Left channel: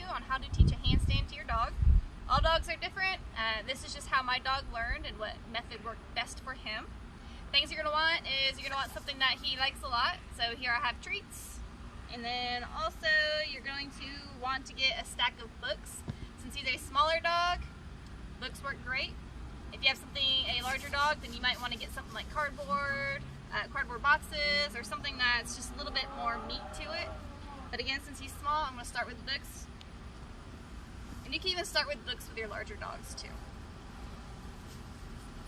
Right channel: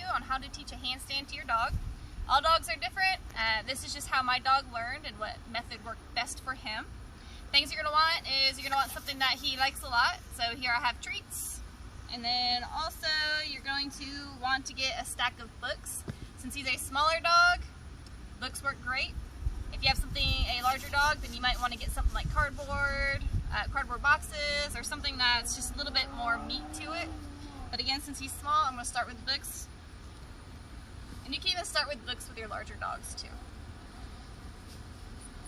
you on how to teach a handstand to your dog. All dogs are different. This is just how my dog learned and what method worked best for him. Things you're going to want is you're going to want something that he likes a lot. So here I have treats. And then also you're going to want to get a stack of books. Since he's a smaller dog, books work great. If you have a larger dog, then you might want to get something like cardboard boxes, or something that's just a little bit more meat to it. But again, since he's small, I'm going to start with books. And you can even start with books with your larger dogs too.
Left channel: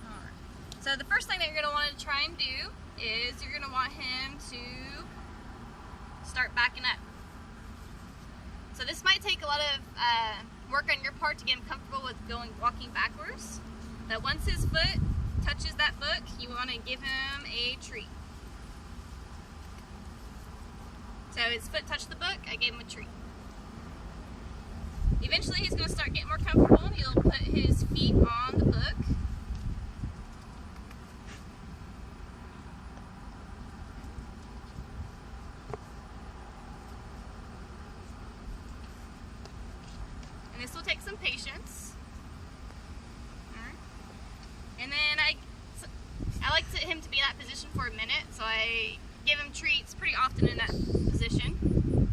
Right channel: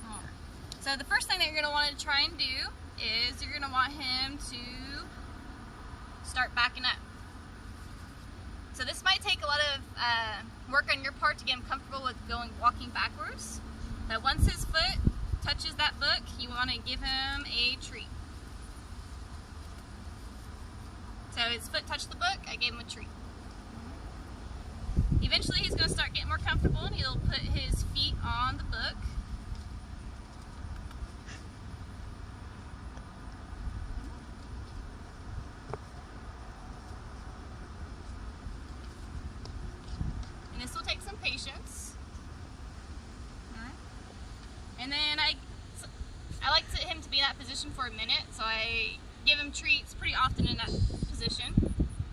Alright. So the first thing that you're going to want to try and do is you're going to want him to start backing up. So this might take a lot of work on your part to get him comfortable with walking backwards. But once his foot touches that book, you want to give him a treat. So his foot touched the book, I gave him a treat. Eventually he's going to start getting more comfortable and he'll put his feet on the book. And this will take some patience. Alright. And then I like him to be in that position for a minute, so I give him treats pretty often in that position,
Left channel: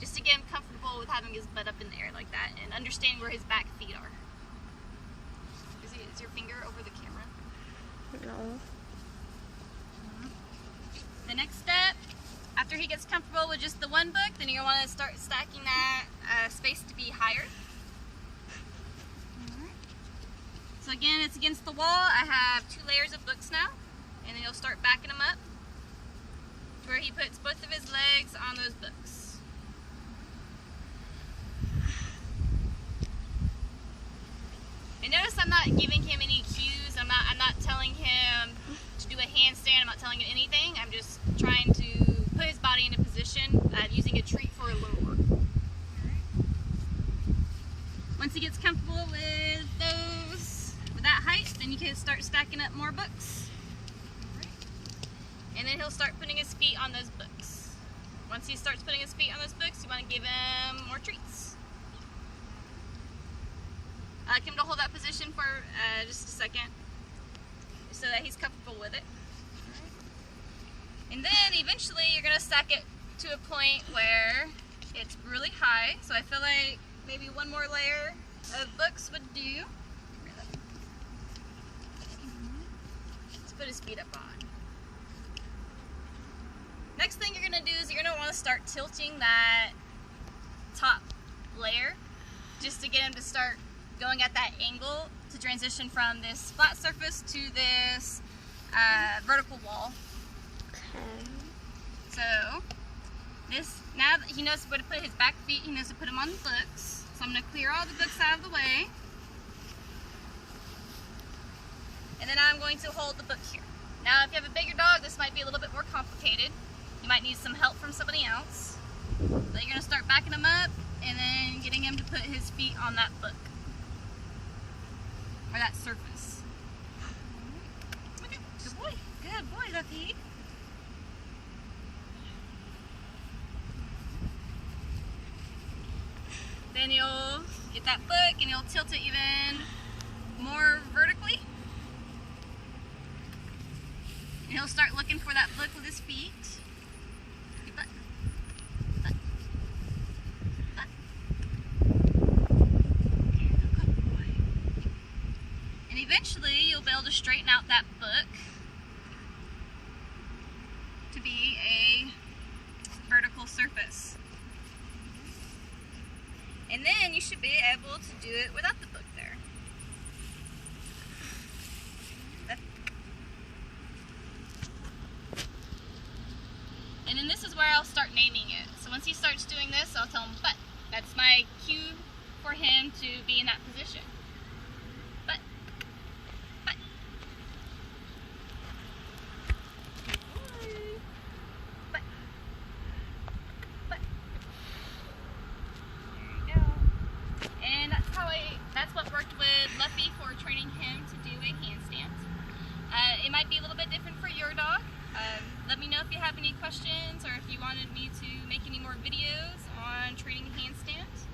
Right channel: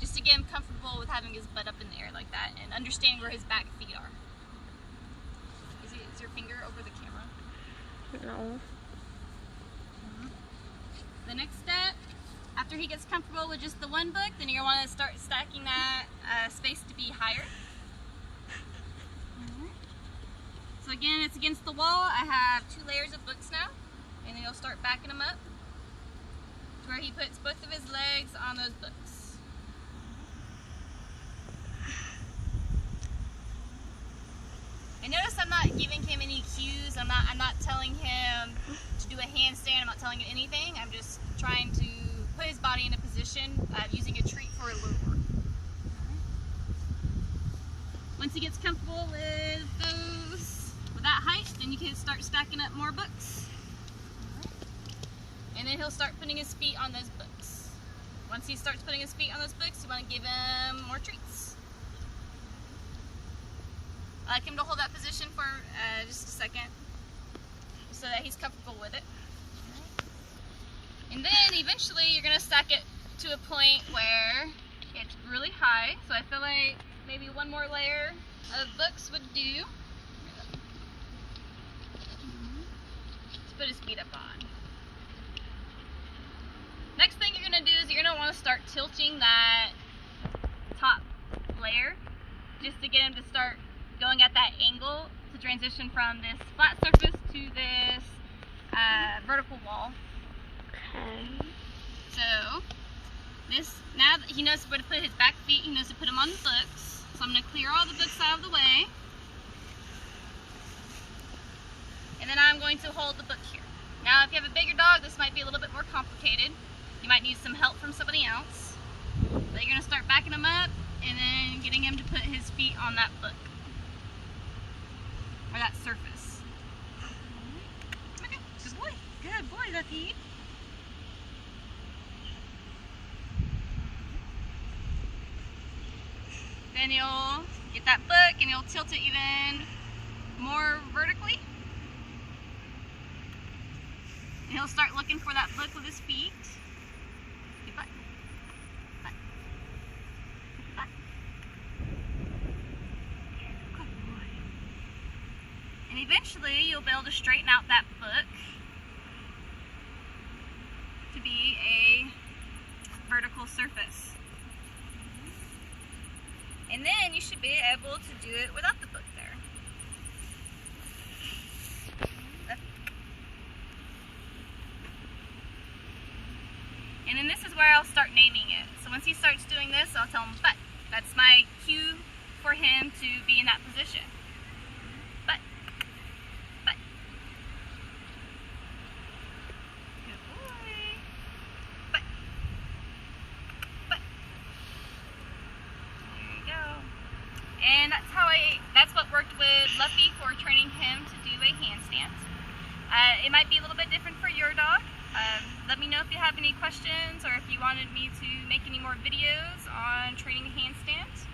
just to get him comfortable with having his butt up in the air like that and understand where his back feet are. Is your finger over the camera? No. The next step, after he gets comfortable with just the one book, then you're going to want to start stacking that space to be higher. So again, it's against the wall. I have 2 layers of books now, and then you'll start backing them up to where he puts both of his legs on those books. And notice I'm not giving him any cues. I'm not telling him to do a handstand. I'm not telling him anything. I'm just trying to put his body in a position using a treat for a lure. Once he gets comfortable with that height, then you can start stacking up more books. And then he'll start putting his feet on those books. Once he starts putting his feet on those books, you want to give him more treats. I like him to hold that position for just a second so that he's comfortable with it. And then eventually you're going to stack it to a point where it's really high. So I feel like maybe one more layer of books would do. Let's put his feet up on. Next thing you're going to do is you're going to want to start tilting that top layer just to get him to start going at that angle to transition from this flat surface to this vertical wall. Okay. So now that he knows where to put his back feet, he knows to put them on the books. So I'm going to clear all the books out of the way. And then I'm going to hold the book here. Now if you have a bigger dog, this might be a little bit more complicated. You might need some help from somebody else. But you're going to start backing him up and then getting him to put his feet on that book. Or that surface. Okay, good boy. Good boy, Lucky. Then you'll get that book and you'll tilt it even more vertically. And he'll start looking for that book with his feet. Good butt. Butt. Butt. Good boy. And eventually you'll be able to straighten out that book to be a vertical surface. And then you should be able to do it without the book there. And then this is where I'll start naming it. So once he starts doing this, I'll tell him butt. That's my cue for him to be in that position. Butt. Butt. Good boy. Butt. Butt. There you go. And that's what worked with Luffy for training him to do a handstand. It might be a little bit different for your dog. Let me know if you have any questions or if you wanted me to make any more videos on training handstand.